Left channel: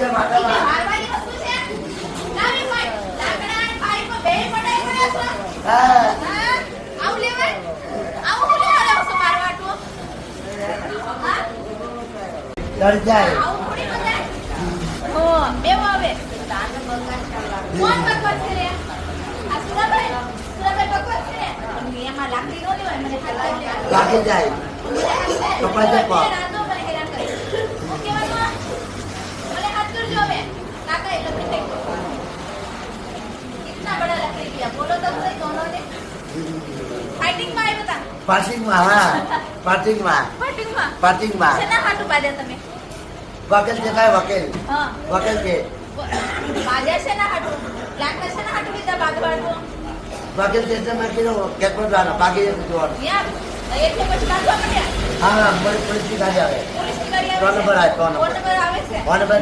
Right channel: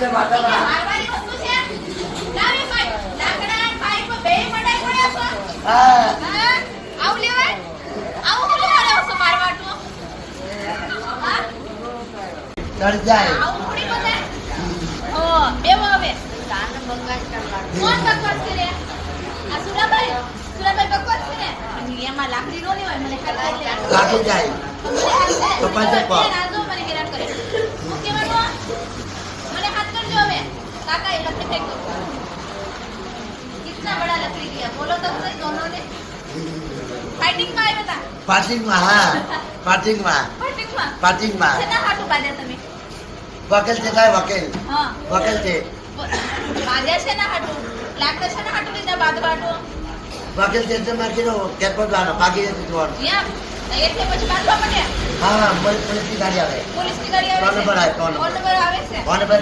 છે માતા મારવાની વસ્તુ છે લાવી ભાઈ લાકડા ભાઈ કો બે મડાઈ પડ્યો છો હા હા આવું લેવાય આવું લેવા લેવો છો મારવાટું હા ચડ જાય આવું થોડી બતાય હો બેવો હવે દાન બકવાસ કરવાનું કોણ બકવાસ કરે આ સુરાભાઈ બકવાસ કરે પણ એમાં લાકડી નો લેવાય મને ખાતા લે લાગી જાય મને હાથ કપાઈ જાય પગ. રાજો મને હેરાન કરે હું કેવાનું મને હાથ કરજો હવે કાકા એ લખી ફેંકો कितना बड़ा लकड़ी किया बोलो तो सही दोनों ने फाइटिंग में आए बता પાર્કિંગમાં હા પાર્કિંગમાં फाइटिंग में सेना हाटू बाजे તમે વકીલ છે કાંઈ વકીલ હા વકીલ છે બાજે સેના હાટુ લાકડા સેના હાટુ લીધા બાંધવાનું વકીલ છે એટલે મેં કીધું કેકો જવાનો બાકી જતું જોવાનું યા એટલે પછી બાંધવા પડે હા મારી પોલીસની ગાડી આવે પોલીસની ગાડી ત્રણ નંબર આવે, ત્રણ નંબર. ત્રણ નંબર આવે છે કોને ભાઈ